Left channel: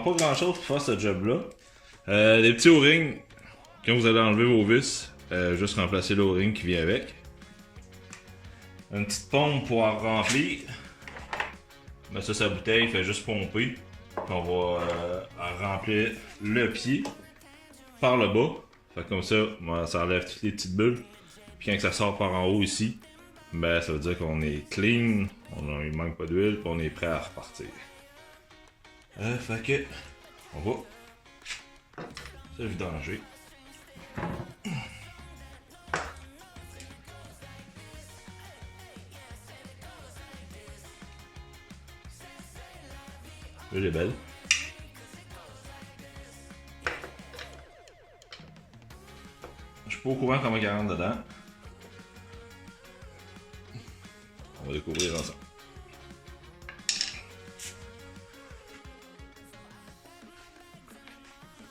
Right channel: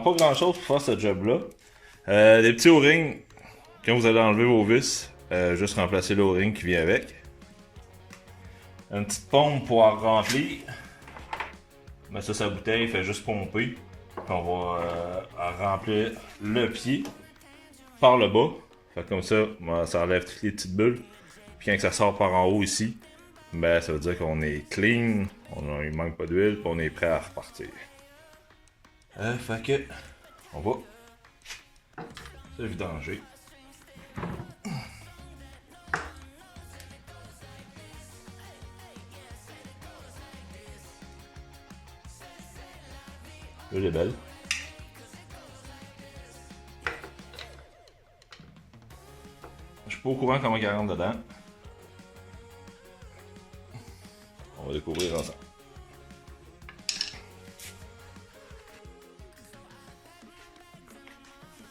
prend pas grand chose pour faire ce job-là. Les petits O-rings, quand vous allez enlever vos vis, juste remplacer le O-ring qui vient avec. Une petite pompe pour en remplir. Mais ça, sa bouteille, il fait juste pomper. Puis on va en remplir le pied par le bas. Fait que comme ça, ça enlève toutes les petites bulles. Puis quand ça sort par en haut ici, ben ça veut dire qu'on est clean, il manque pas d'huile, puis on est prêt à repartir. Fait que, on va se vidanger. L'huile est belle. Je suis pas au courant comment elle rentre dedans. On va découvrir ensemble.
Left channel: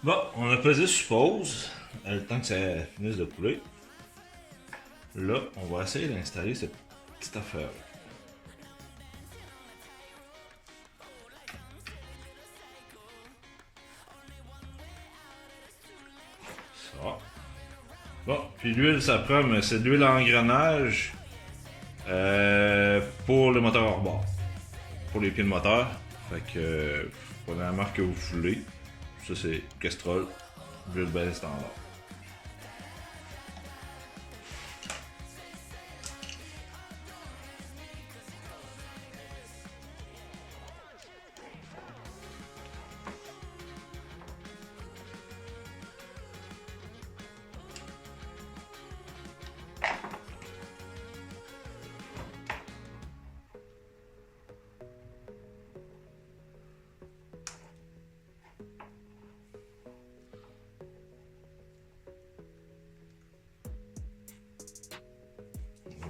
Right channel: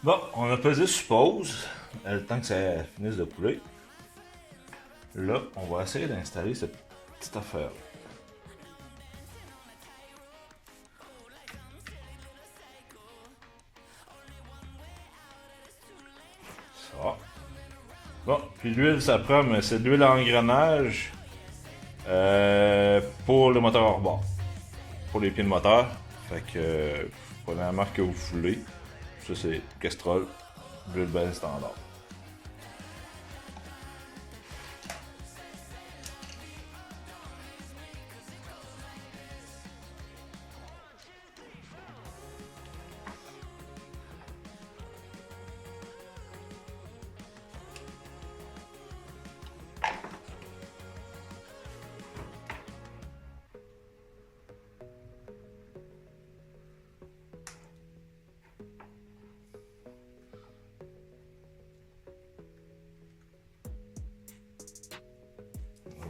Bon, on a pesé sur pause, le temps que ça finisse de couler. Là, on va essayer d'installer cette petite affaire. Ça. Bon, puis l'huile, ça prend, mais c'est de l'huile à engrenage pour le moteur hors bord. Pour les pieds de moteur. Fait que, prenez la marque que vous voulez. Ça, c'est Kestrel, l'huile belle standard.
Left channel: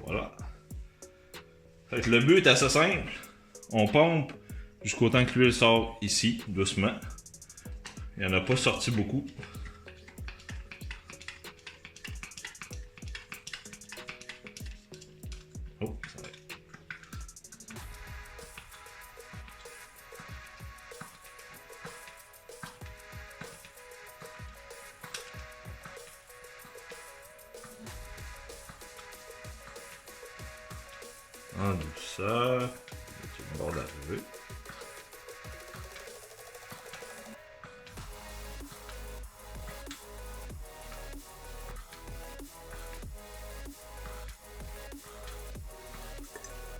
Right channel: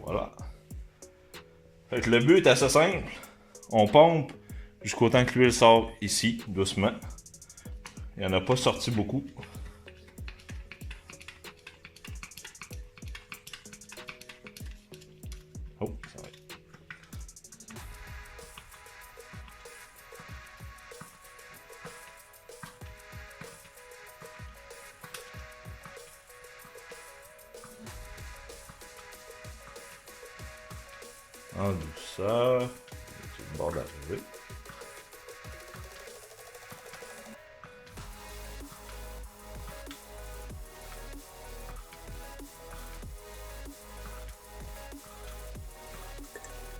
Voilà. Fait que le but est assez simple. On pompe jusqu'au temps que l'huile sort ici, doucement. Il n'y en a pas sorti beaucoup. Oh, ça va. En douceur. C'est le bord d'arrivée.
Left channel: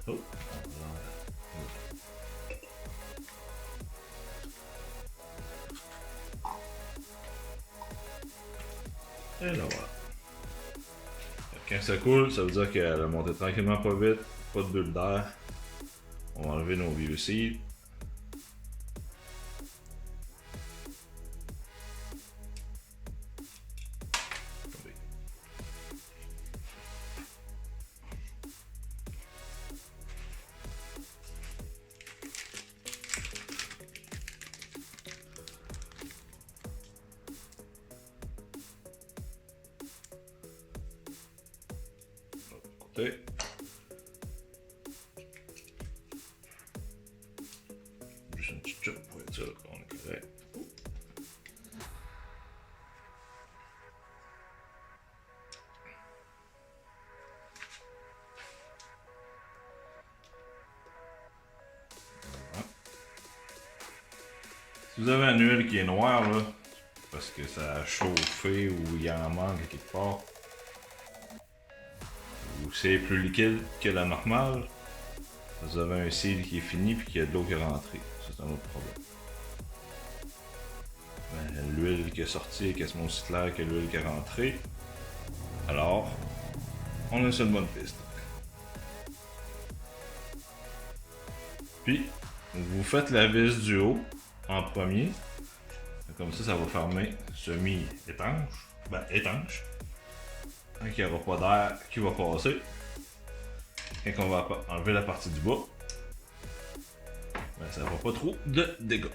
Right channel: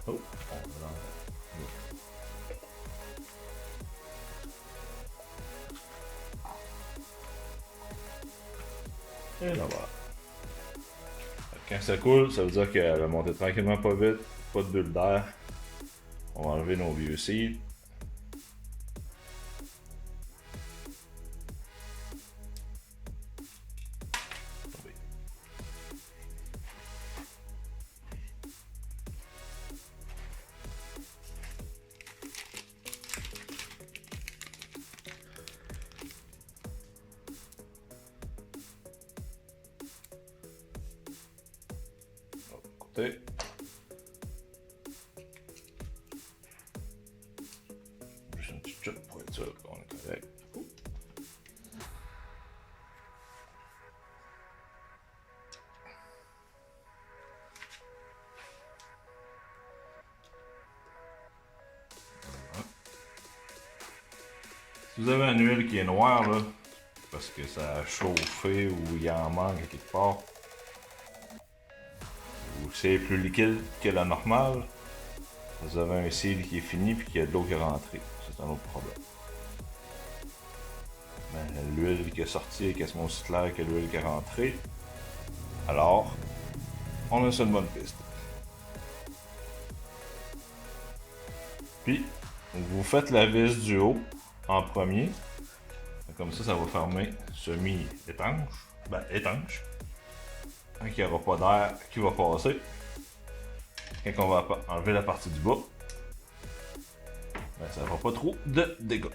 Oh, et là voilà. Quand ça coule, ça veut dire qu'elle a monté tranquillement pas vite, pas de bulle d'air. On va enlever nos vieux cils. Côté. Juste une petite chop pour être sûr qu'on est correct. Si vous avez un huile qui est noire là, parce que ça a chauffé ou il en manque quelque part, ou c'est plus liquide que la normale, vous avez un cil qui est fini puis qu'il y a de l'eau qui est rentrée. C'est un autre problème. L'huile qui est sortie est quasiment aussi claire que l'huile qui est rentrée. Alors, on a sur une bonne piste. Puis, vous faites la vis du haut en premier. Comme ça va fermer semi-étanche. Ben, étanche. Donc, il n'y aura pas d'air qui va passer. Quand on va enlever la partie du bas, ben, ça ne fera pas trop de dégâts.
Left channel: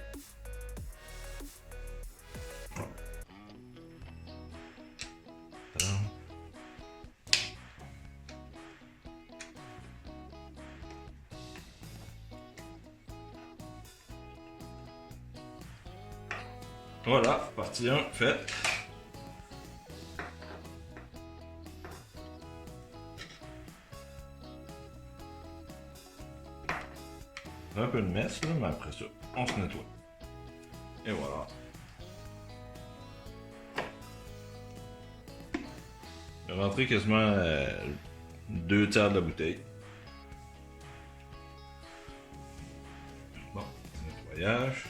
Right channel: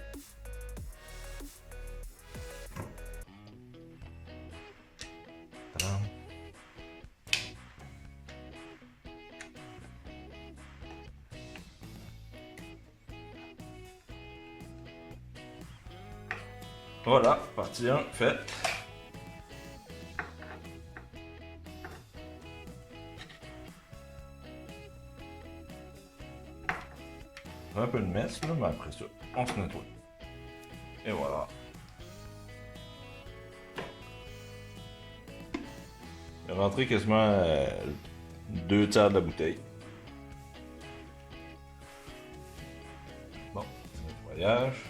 Voilà, partie 1 faite. Un peu de messe, là, mais après ça, on se nettoie. Et voilà. Il est rentré quasiment 2 tiers de la bouteille. Bon, nettoyage.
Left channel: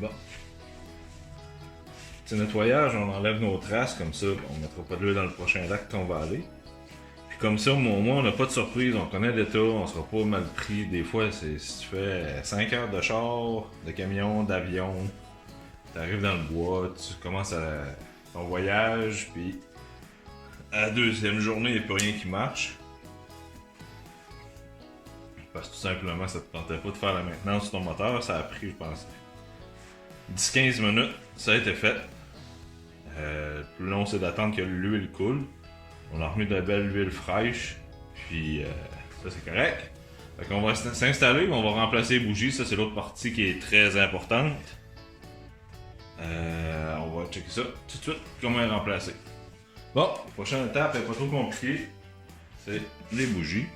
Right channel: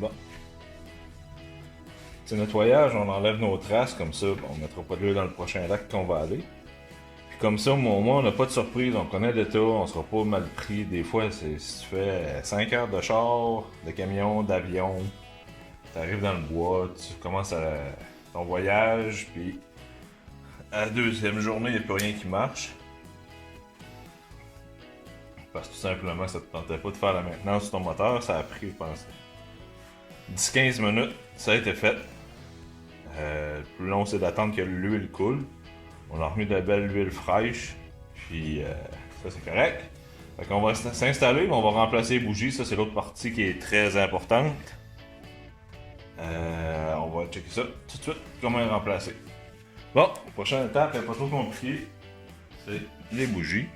Bon. Petit nettoyage, on enlève nos traces, comme ça, on ne mettra pas de l'huile dans le prochain lac qu'on va aller. Puis comme ça, au moins, on n'a pas de surprise, on connaît l'état, on sera pas mal pris. Des fois, si tu fais 5 heures de char, de camion, d'avion, tu arrives dans le bois, tu commences ton voyage, puis à la deuxième journée, il n'y a plus rien qui marche. Parce que tout simplement, ça te tentait pas de faire la maintenance sur ton moteur, ça a pris, je pense, 10-15 minutes, ça a été fait. Le plus long, c'est d'attendre que l'huile coule. On a remis de la belle huile fraîche, puis ça, c'est correct. Fait qu'on va s'installer, on va remplacer les bougies. Ça, c'est l'autre partie qui est très importante. On va checker ça tout de suite, comment les remplacer. Bon, la prochaine étape n'est pas trop compliquée. C'est les bougies.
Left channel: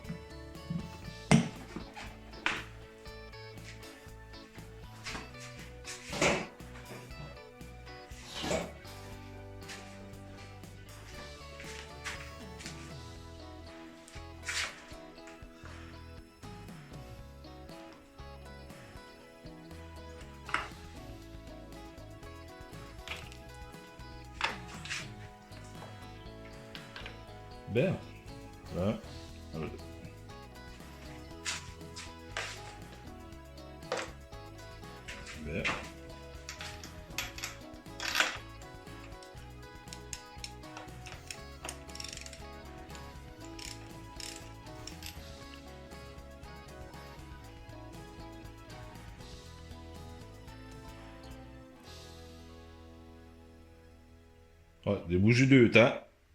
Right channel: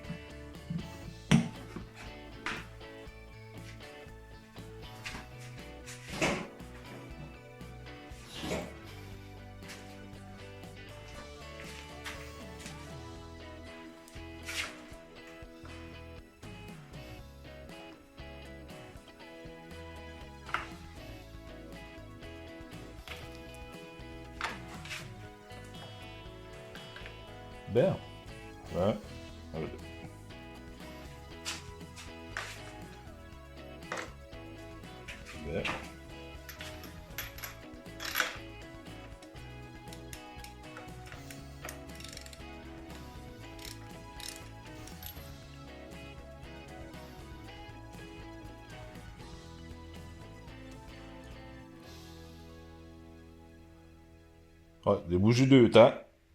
Bien. Ouais. Bien. Ouais, des bougies 2 temps.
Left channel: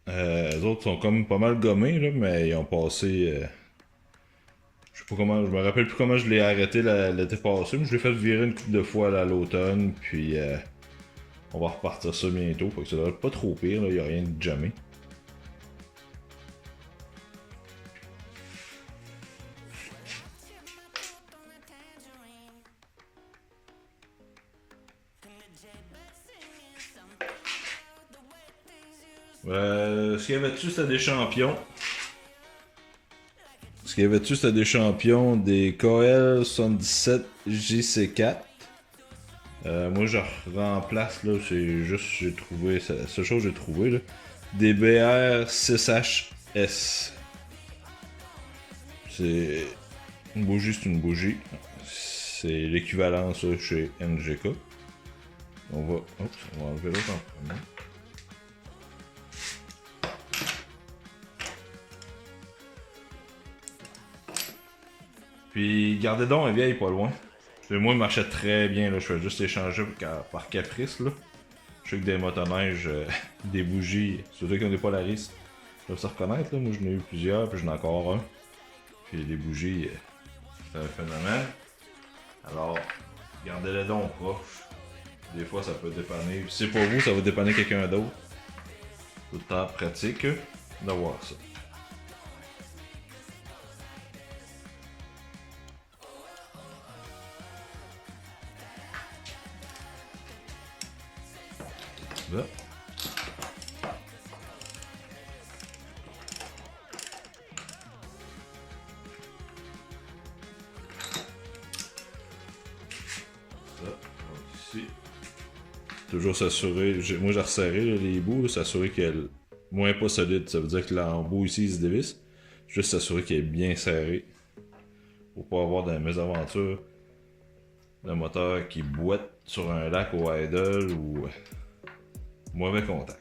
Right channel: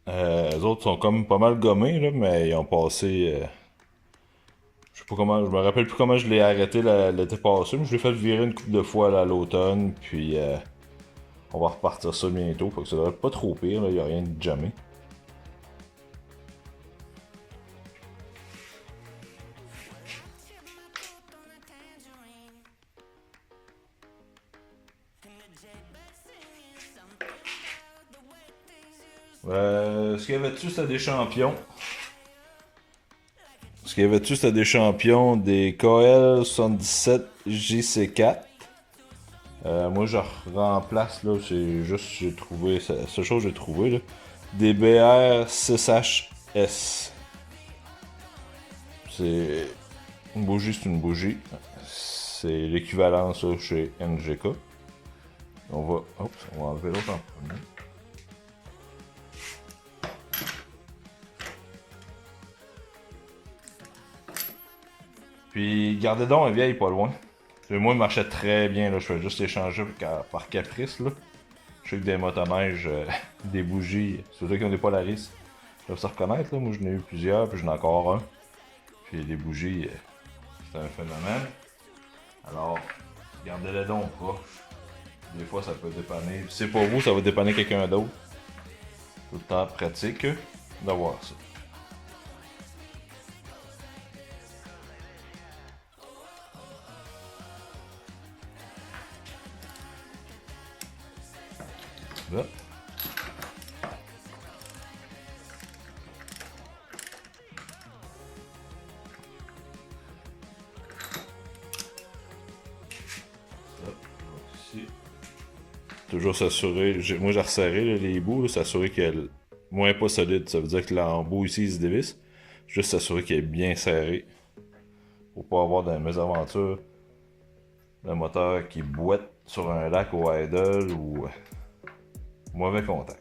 Les autres sont comme pas mal gommés, là, mais ils ont passé. Je sais pas comment. Je me rappelle plus comment je l'ai arrêté l'été passé, mais je l'ai fait virer une couple de fois là, à l'automne, puis on va repartir ça bientôt. Fait que ça devrait être pas trop pire, il n'y a rien de jamais. Ce qu'il y avait dessus, c'était des champions. Ce qu'il y avait dessus, c'était des champions des KL77 JC4. Moi, je remplace, là, c'est juste, j'ai trouvé, c'est la seule chose que j'ai trouvé, là. Des BR6HS. C'est une bougie, c'est une bougie. C'est l'équivalent, ça, chez NGK. On va enlever l'autre en premier. Puis gardez donc un vieille pas loin. Moi, il marchait très bien. Là. Je fais juste échanger par caprice. Là. Je sais que des motoneiges, des bougies, ceux-là qui ont des Polaris, ils doivent se reconnaître. Là. Moi, j'en ai eu plusieurs, puis j'en ai encore un. Puis les bougies, c'est un phénomène. Alors, gardez-les donc proches. Des fois, ça peut dépanner. Puis si c'est pour vous, ça va dépanner quelqu'un d'autre. Tout le temps pratique d'avoir ça. Là. Ici. Toujours s'assurer, moi j'ai resserré les bouts, s'assurer qu'elle est moins pas solide, ça veut dire que l'embout ici il se dévisse. Juste s'assurer qu'elle est bien serrée. Pour pas avoir des mésaventures d'un moteur qui boite sur un lac au idle ou mauvais contact.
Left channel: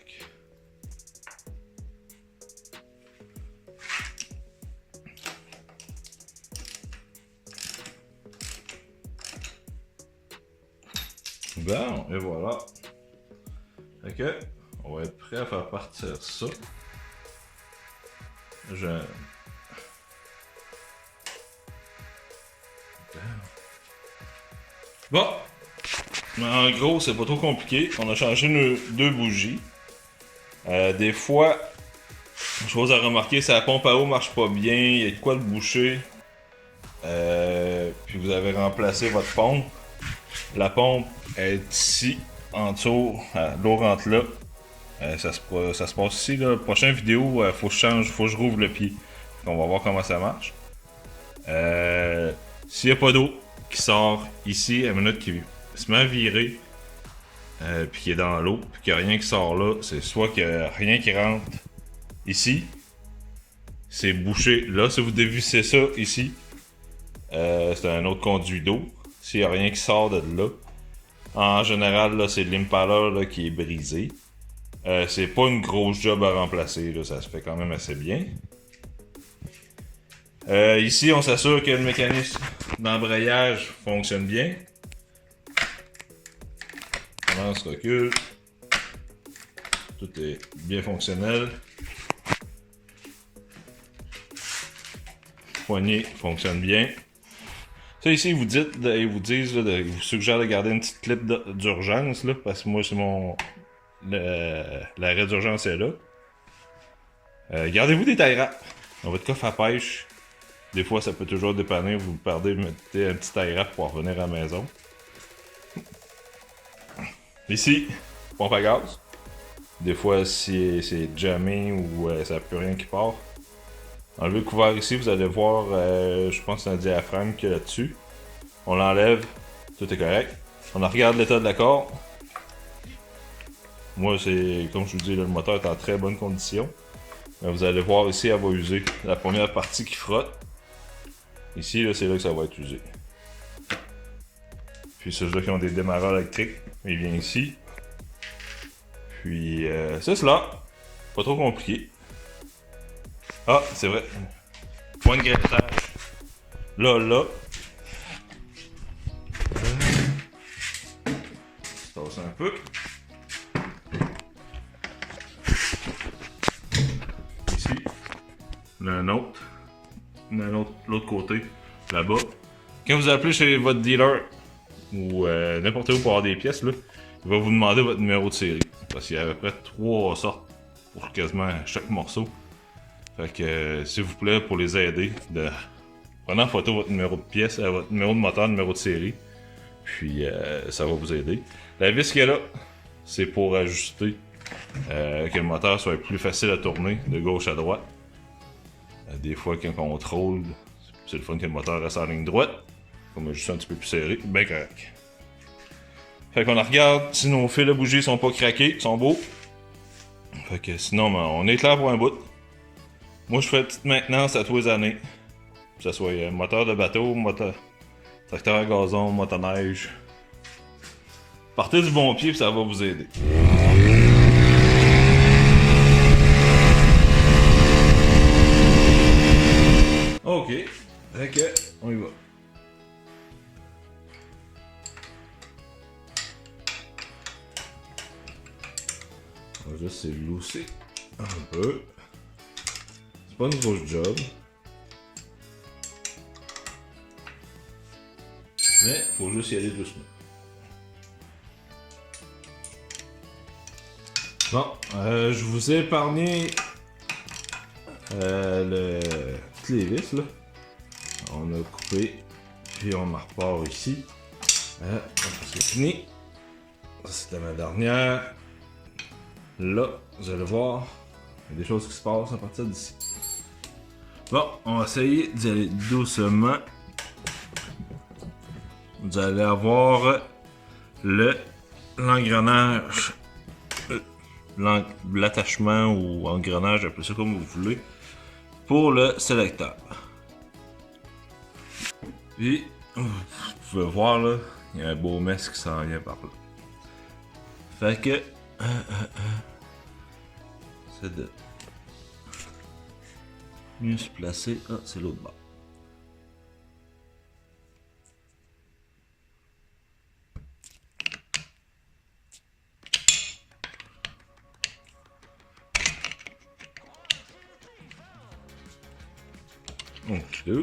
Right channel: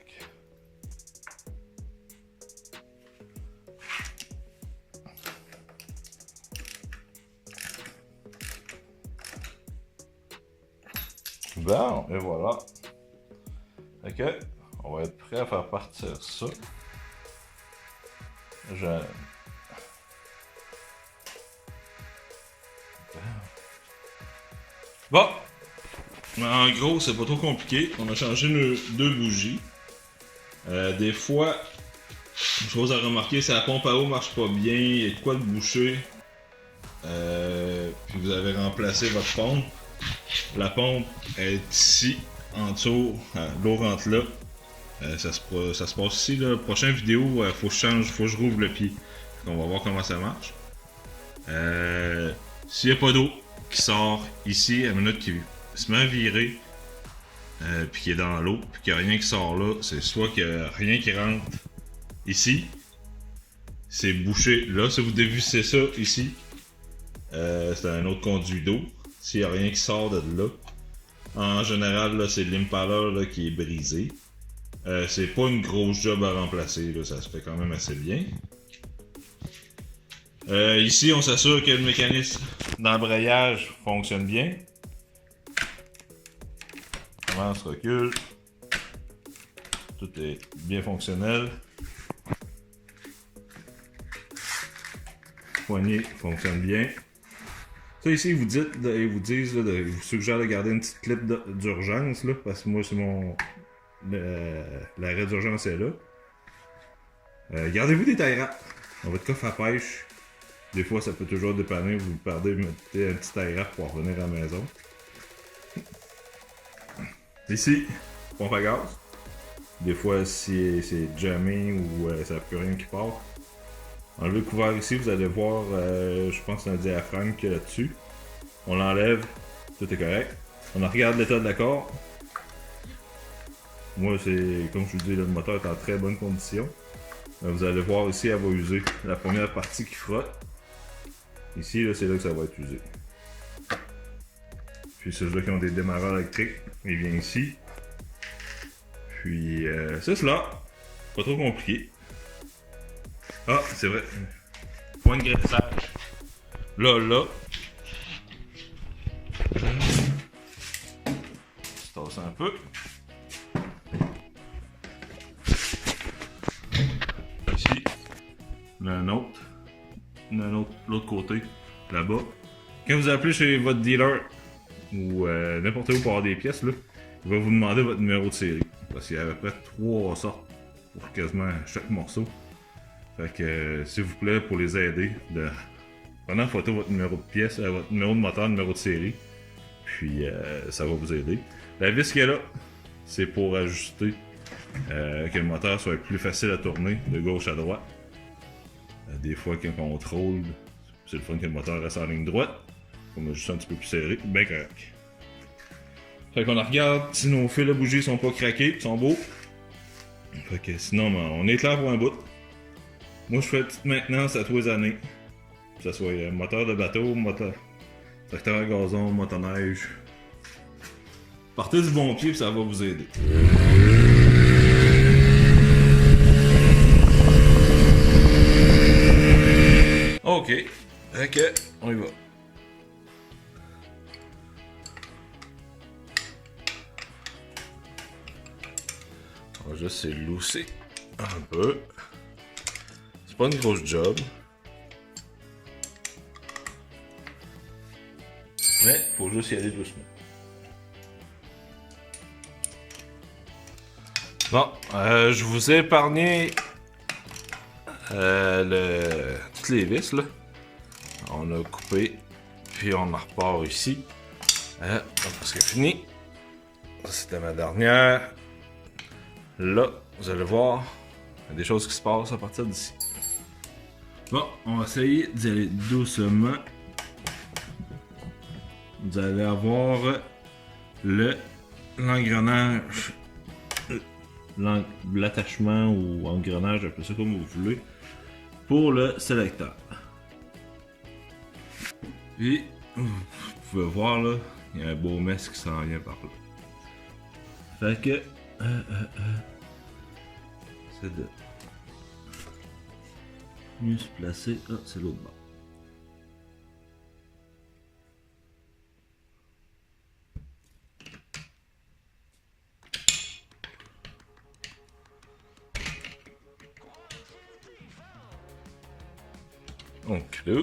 Bon, et voilà. Ok, on va être prêt à faire partir ça. Bon, en gros, c'est pas trop compliqué. On a changé nos deux bougies. Des fois, chose à remarquer, si la pompe à eau marche pas bien, il y a de quoi le boucher. Puis vous avez remplacé votre pompe. La pompe est ici, en dessous, l'eau rentre là. Ça se passe ici, là. Prochaine vidéo, faut que je change, faut que je rouvre le pied. On va voir comment ça marche. S'il n'y a pas d'eau qui sort ici, à la minute qui se met à virer, puis qui est dans l'eau, puis qu'il n'y a rien qui sort là, c'est soit qu'il n'y a rien qui rentre ici, c'est bouché là. Si vous dévissez ça ici, c'est un autre conduit d'eau. S'il n'y a rien qui sort de là, en général, là, c'est l'impala qui est brisé. C'est pas une grosse job à remplacer, là, ça se fait quand même assez bien. Ici, on s'assure que le mécanisme d'embrayage fonctionne bien. On se recule. Tout est bien fonctionnel. Poignée fonctionne bien. Ça ici, ils vous disent, ils vous suggèrent de garder une petite clip d'urgence là, parce que moi c'est mon l'arrêt d'urgence est là. Gardez-vous des tie wraps dans votre coffre à pêche. Des fois, ça peut toujours dépanner. Vous perdez, mettez un petit tie wrap pour revenir à la maison. Ici, pompe à gaz. Des fois, si c'est jammé ou ça n'a plus rien qui part. Enlevez le couvert ici, vous allez voir, je pense que c'est un diaphragme qu'il y a là-dessus. On l'enlève, tout est correct. On regarde l'état de la corde. Moi, c'est comme je vous dis, le moteur est en très bonne condition. Vous allez voir ici, elle va user la première partie qui frotte. Ici, c'est là que ça va être usé. Puis ceux-là qui ont des démarreurs électriques, il vient ici. Puis c'est cela. Pas trop compliqué. Ah, c'est vrai. Point de graissage. Là. Je tasse un peu. Ici. Un autre. L'autre côté. Là-bas. Quand vous appelez chez votre dealer ou n'importe où pour avoir des pièces, là, il va vous demander votre numéro de série. Parce qu'il y a à peu près 3 sortes pour quasiment chaque morceau. Fait que s'il vous plaît, pour les aider, prenez en photo votre numéro de pièce, votre numéro de moteur, numéro de série. Puis ça va vous aider. La vis qu'il y a là, c'est pour ajuster que le moteur soit plus facile à tourner de gauche à droite. Des fois, quand on contrôle, c'est le fun que le moteur reste en ligne droite. Faut m'ajuster un petit peu plus serré, bien correct. Fait qu'on regarde si nos fils de bougie sont pas craqués, sont beaux. Fait que sinon, on est clair pour un bout. Moi, je fais petite maintenance à tous les années. Que ce soit moteur de bateau, tracteur à gazon, motoneige. Partez du bon pied, puis ça va vous aider. Ok, on y va. On va juste lousser un peu. C'est pas une grosse job. Mais faut juste y aller doucement. Bon, je vous ai épargné toutes les vis là. On a coupé, puis on en repart ici. C'est fini. C'était ma dernière. Là, vous allez voir, il y a des choses qui se passent à partir d'ici. Bon, on va essayer d'y aller doucement. Vous allez avoir l'engrenage, l'attachement ou engrenage, appelez ça comme vous voulez, pour le sélecteur. Puis, vous pouvez voir là, il y a un beau mess qui s'en vient par là. Fait que, c'est de mieux se placer. Ah, c'est l'autre bord. Donc là.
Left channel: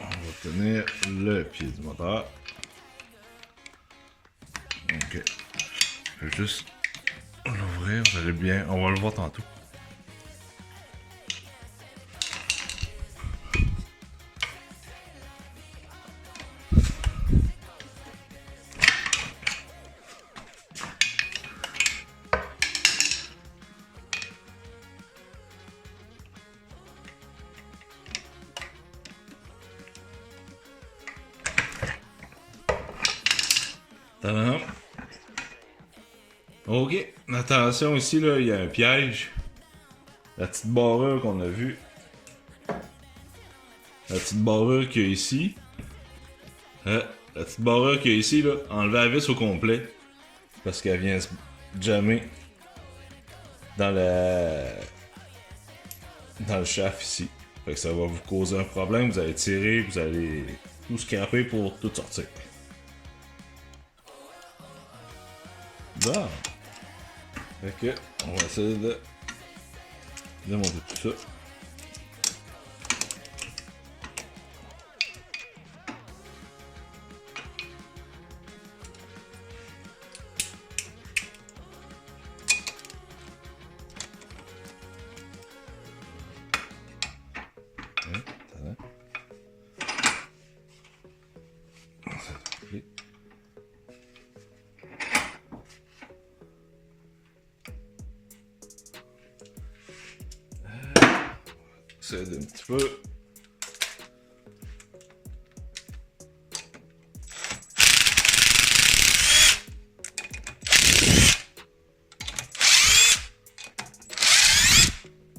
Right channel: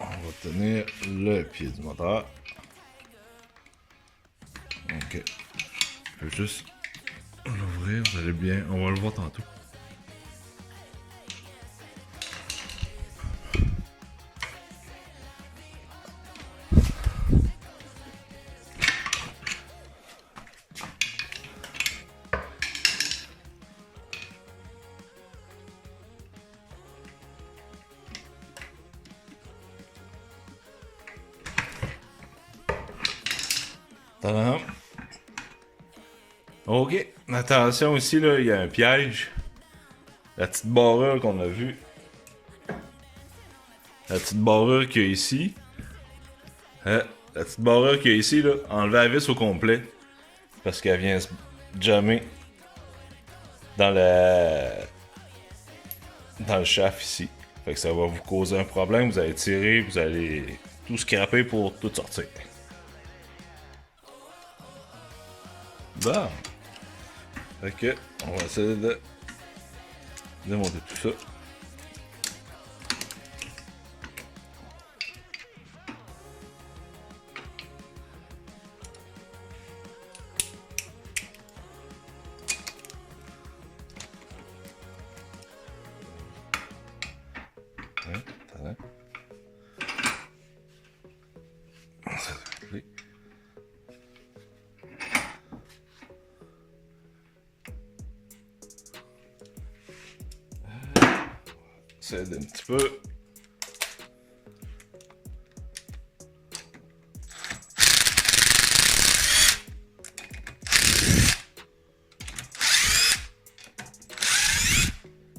On va tenir le pied du moteur. Ok. Je vais juste l'ouvrir, vous allez bien. On va le voir tantôt. Tadam. Ok, attention ici, là, il y a un piège. La petite barrure qu'on a vue. La petite barrure qu'il y a ici. La petite barrure qu'il y a ici, là, enlevez la vis au complet. Parce qu'elle vient se jammer dans le shaft ici. Fait que ça va vous causer un problème. Vous allez tirer, vous allez tout scraper pour tout sortir. Bon. Fait que, on va essayer de démonter tout ça. Ça aide un petit peu.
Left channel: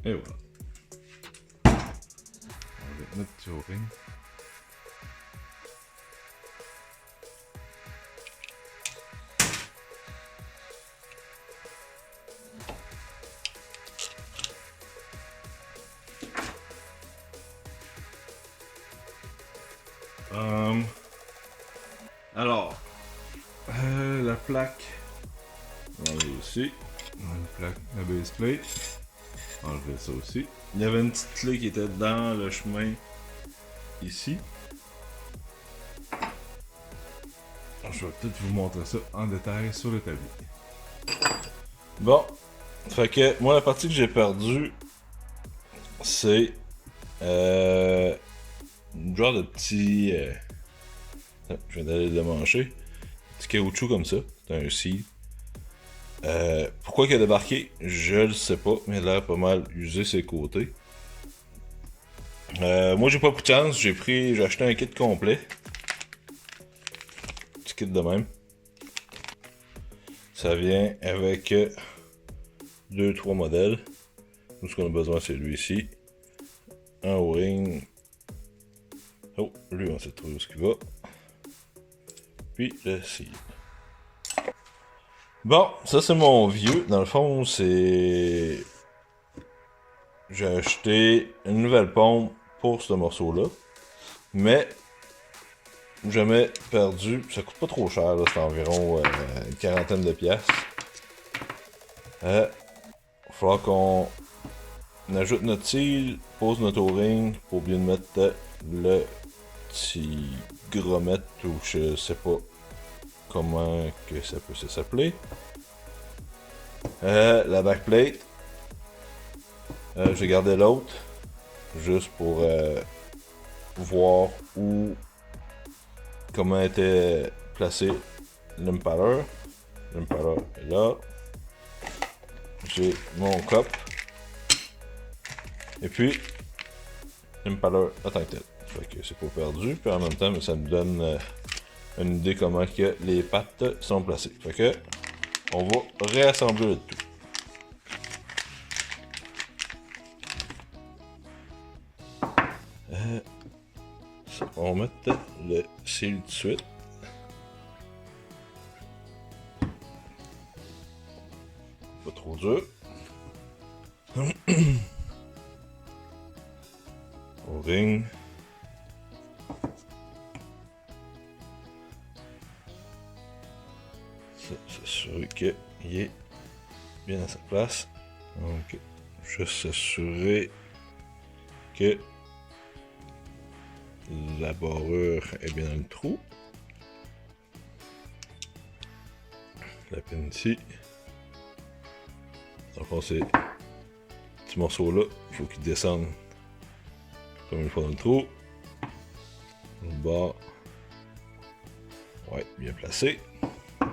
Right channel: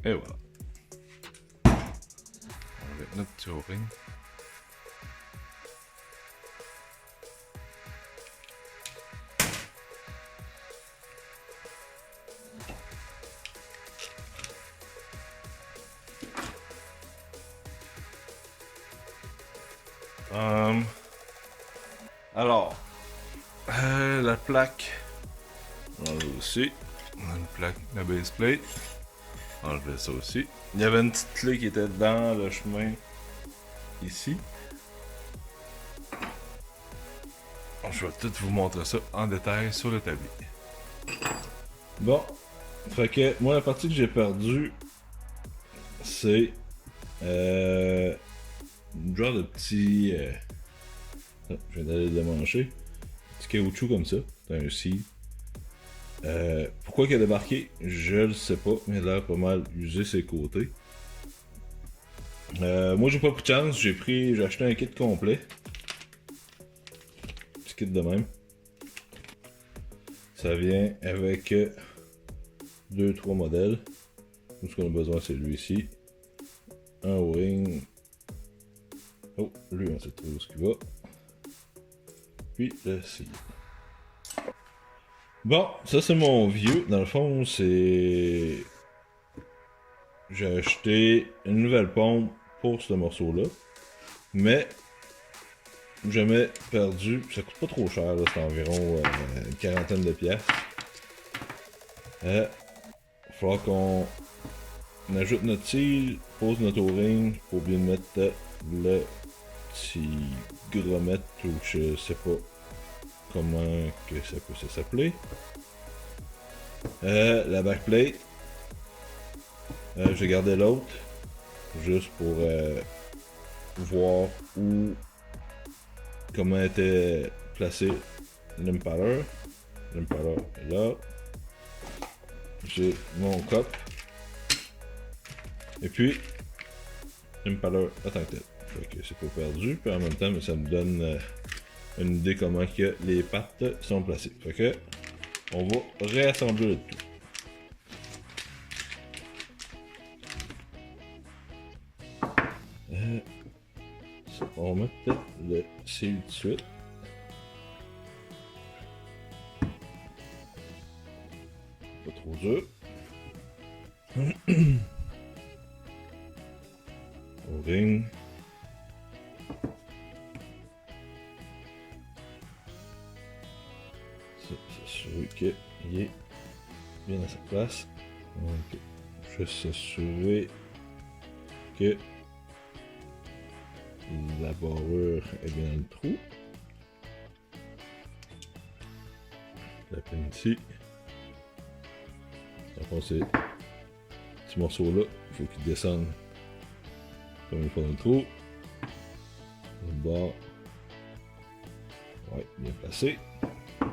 Et voilà. Avec notre petit O-ring. Alors, la plaque, on l'a aussi. On a une plaque, la base plate. On va enlever ça aussi. Il y avait une petite clé qui était dans le chemin ici. Je vais tout vous montrer ça en détail sur le tablier. Bon, fait que moi la partie que j'ai perdue, c'est une genre de petit. Je viens d'aller le démancher. Petit caoutchouc comme ça. C'est un seal. Pourquoi il a débarqué, je le sais pas, mais il a l'air pas mal usé ses côtés. Moi j'ai pas pris de chance, j'ai acheté un kit complet. Petit kit de même. Ça vient avec 2-3 modèles. Tout ce qu'on a besoin c'est lui-ci. Un O-ring. Oh, lui on sait trop où ce qu'il va. Puis le seal. Bon, ça c'est mon vieux. Dans le fond, c'est... J'ai acheté une nouvelle pompe pour ce morceau-là. Mais, jamais perdu. Ça coûte pas trop cher, là. C'est environ une quarantaine de piastres. Il va falloir qu'on ajoute notre cil, pose notre O-ring, pas oublier de mettre le petit gromette ou je sais pas comment que ça peut s'appeler. La backplate. J'ai gardé l'autre juste pour voir comment était placé l'impaler. L'impaler est là. J'ai mon cop. Et puis l'impaler en tant que tel. Fait que c'est pas perdu. Puis en même temps, ça nous donne une idée comment que les pattes sont placées. Fait que on va réassembler le tout. On va mettre le seal tout de suite. Pas trop dur. O-ring. S'assurer qu'il est bien à sa place. Donc, juste s'assurer que la barrure est bien dans le trou. La pine ici. Donc, ces petits morceaux-là, il faut qu'ils descendent comme une fois dans le trou. Le bord. Ouais, bien placé. On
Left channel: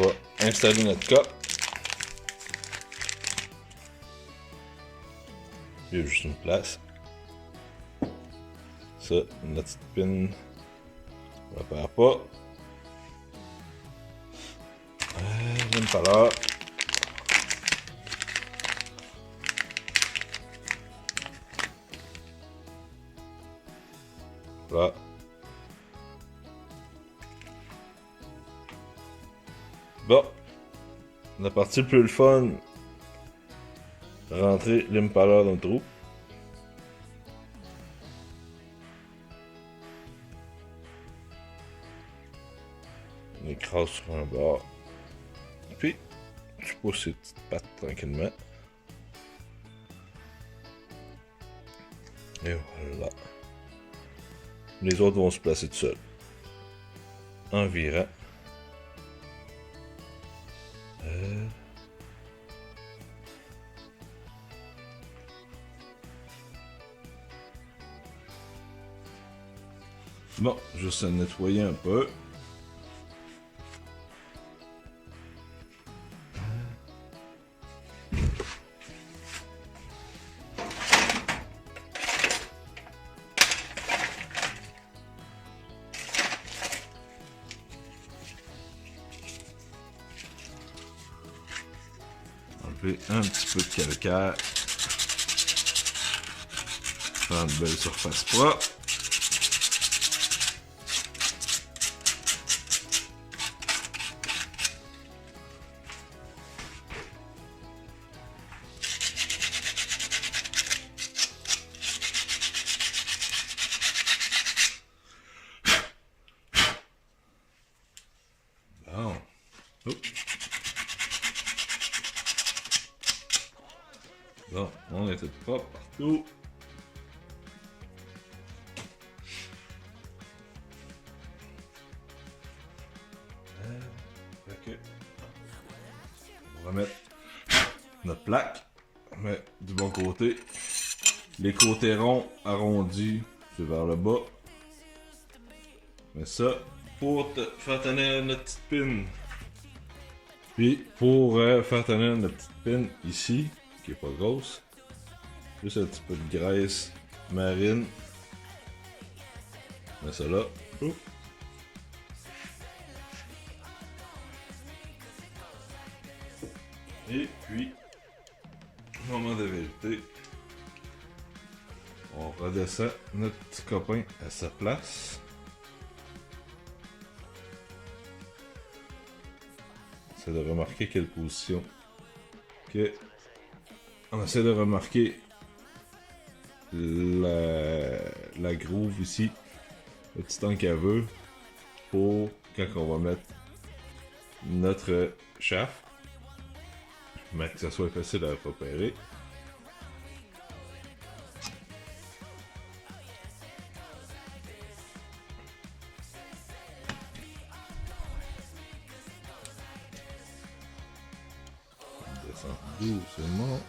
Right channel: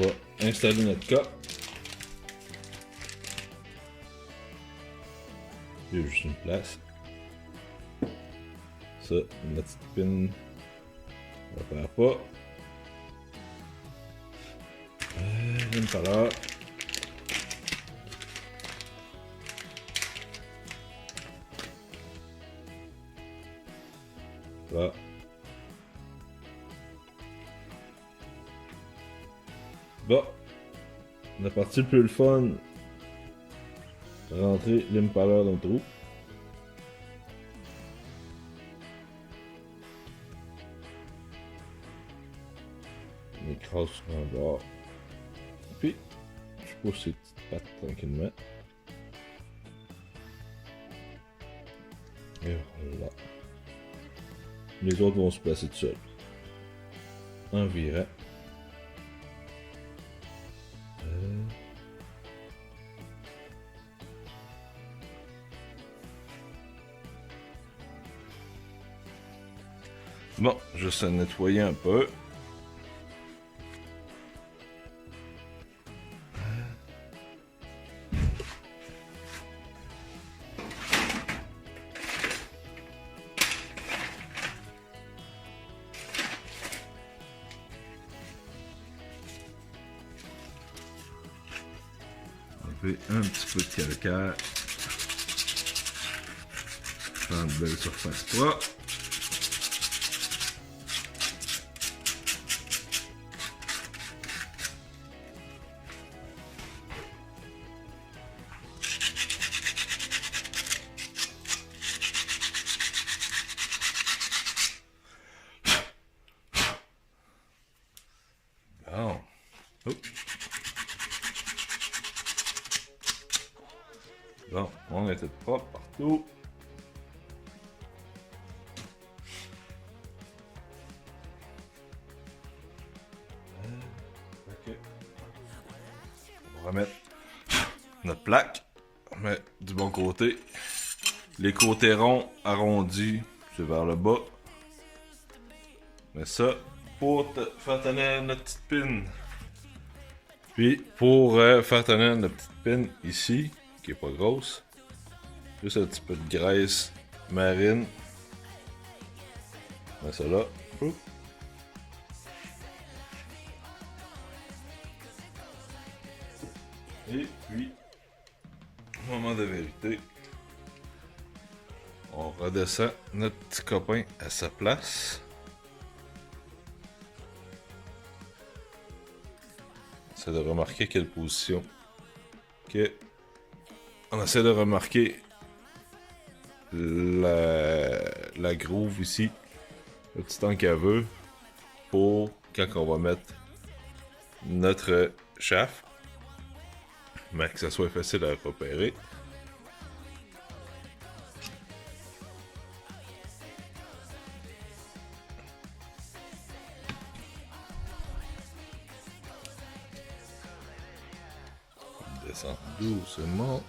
va installer notre cas. Il y a juste une place. Ça, la petite pin ne repère pas. L'impaler. Voilà. Bon. La partie plus le fun. Rentrer l'impaler dans le trou. On écrase sur un bord. Puis, je pousse ces petites pattes tranquillement. Et voilà. Les autres vont se placer tout seuls. Environ. Bon, juste à nettoyer un peu. Enlever un petit peu de calcaire. Faire une belle surface propre. Bon. Bon, on était propre partout. Ok. On va mettre notre plaque. Mais du bon côté. Les côtés ronds arrondis, c'est vers le bas. Mais ça, pour faire tenir notre petite pin. Puis pour faire tenir notre petite pin ici, qui est pas grosse, juste un petit peu de graisse marine. On met ça là. Et puis, moment de vérité, on redescend notre petit copain à sa place. On essaie de remarquer quelle position. Ok. On essaie de remarquer la groove ici, le petit tank à vœux, pour quand on va mettre notre shaft, mais que ça soit facile à repérer. On descend doucement.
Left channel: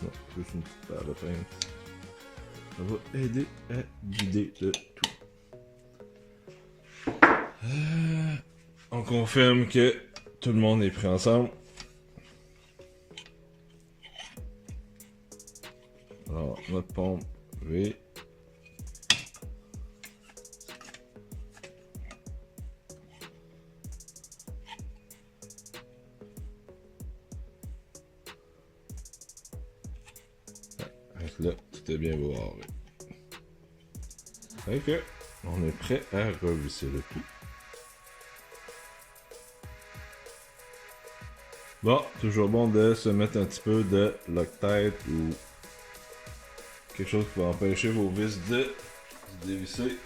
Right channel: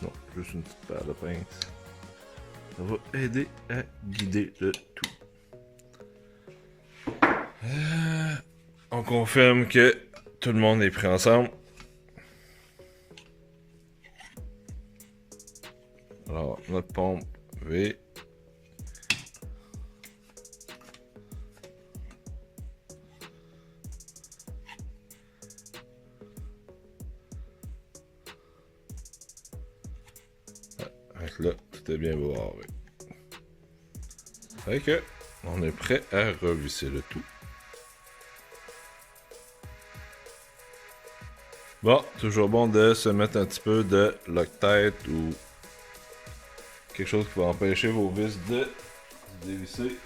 Non, juste une petite paire de pinces. Ça va aider à guider le tout. On confirme que tout le monde est pris ensemble. Alors, notre pompe V. là, tout est bien beau avec. Fait que, on est prêt à revisser le tout. Bon, toujours bon de se mettre un petit peu de Loctite ou quelque chose qui va empêcher vos vis de se dévisser.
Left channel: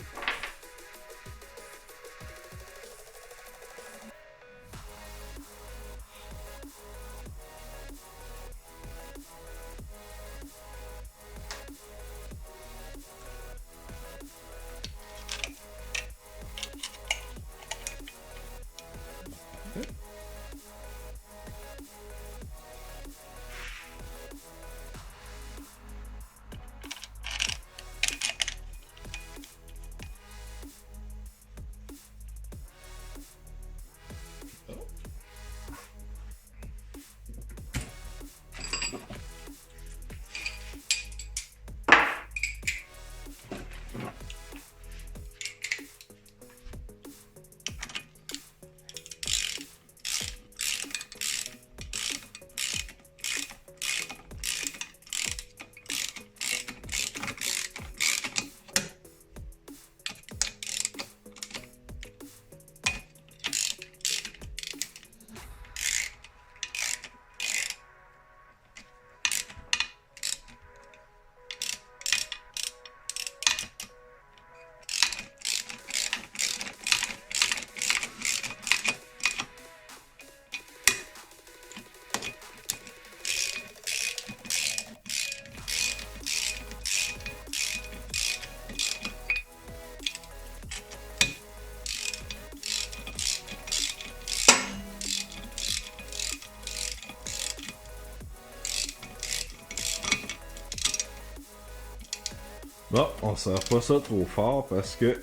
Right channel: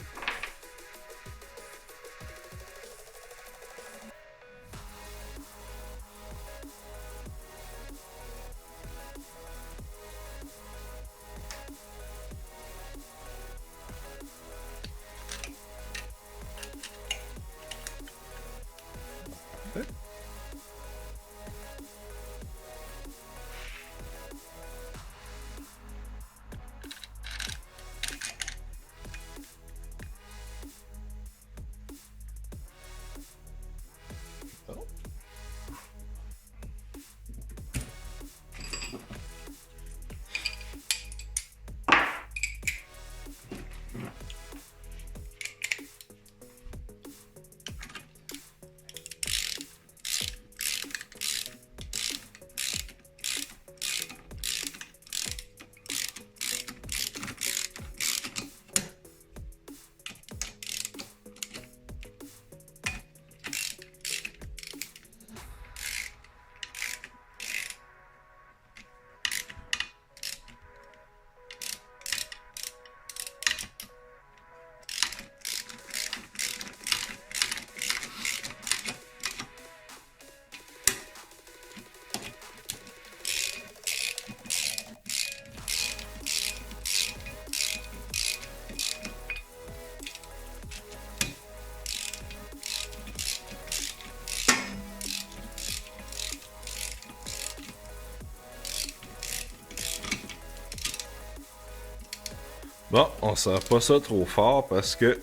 Bon, on serre pas ça trop fort parce que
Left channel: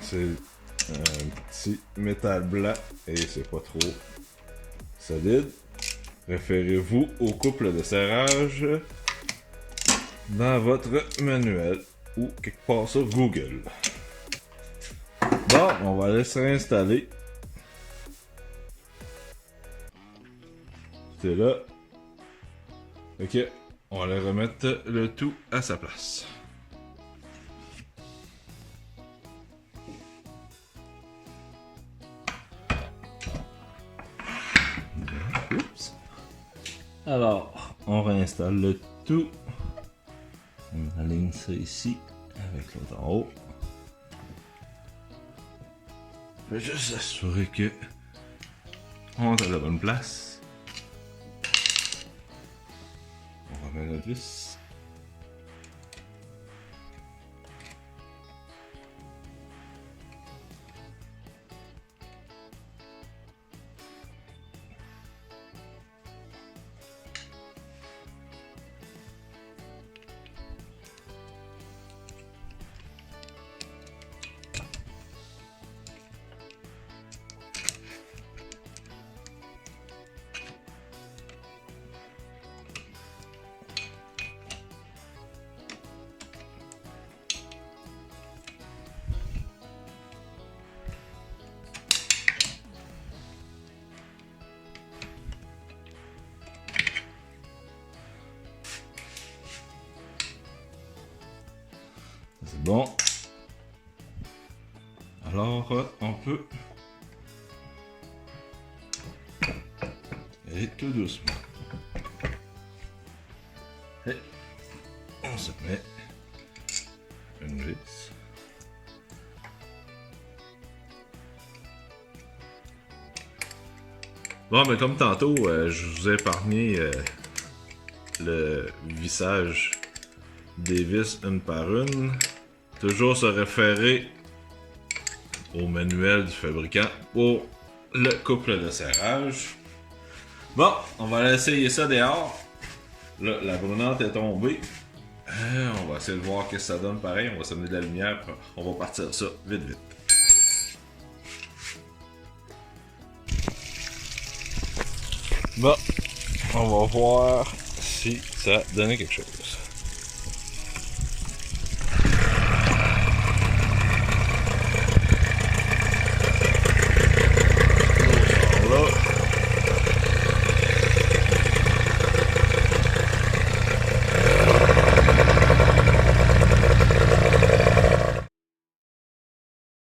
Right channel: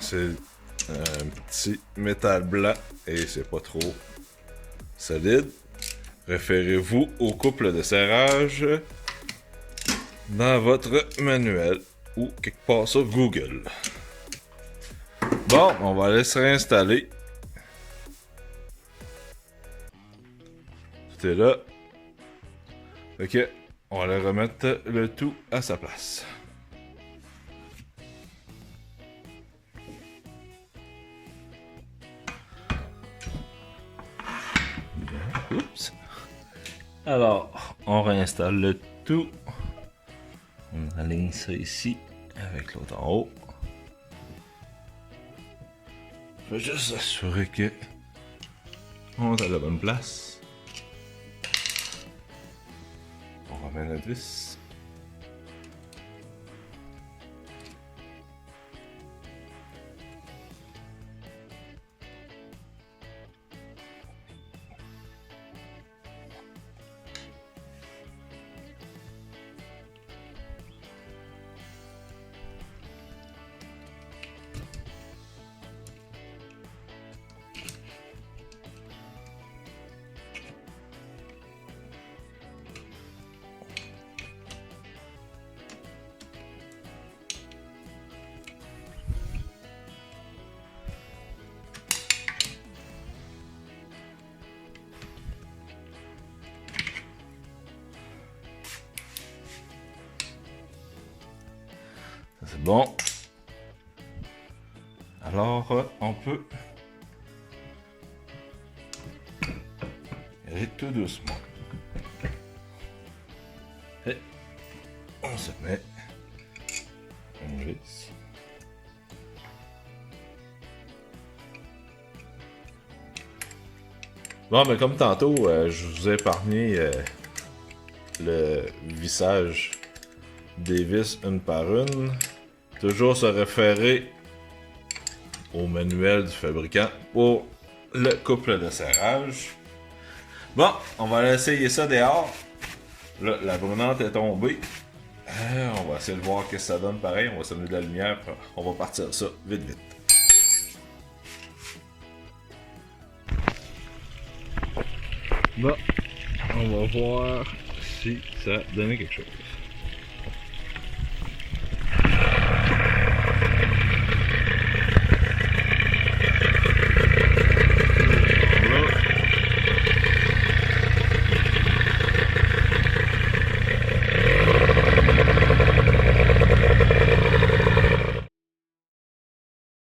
c'est un petit métal blanc et c'est pas trop solide. Référez-vous au couple de serrage dans votre manuel ou quelque part sur Google. Bon, on va laisser réinstaller. Tout est là. Ok, on va remettre le tout à sa place. Oups. Alors, on réinstalle le tout. On aligne ça ici avec l'autre en haut. Je vais juste assurer que on est à la bonne place. On remet notre vis. C'est bon. Alors, on peut... Et tout doucement. Et on se met une vis. Bon, mais comme tantôt, je vous ai épargné le vissage des vis une par une. Toujours se référer au manuel du fabricant pour le couple de serrage. Bon, on va aller essayer ça dehors. Là, la brunante est tombée. On va essayer de voir ce que ça donne pareil. On va s'amener de la lumière. On va partir ça vite vite. Bon, on va voir si ça donne quelque chose.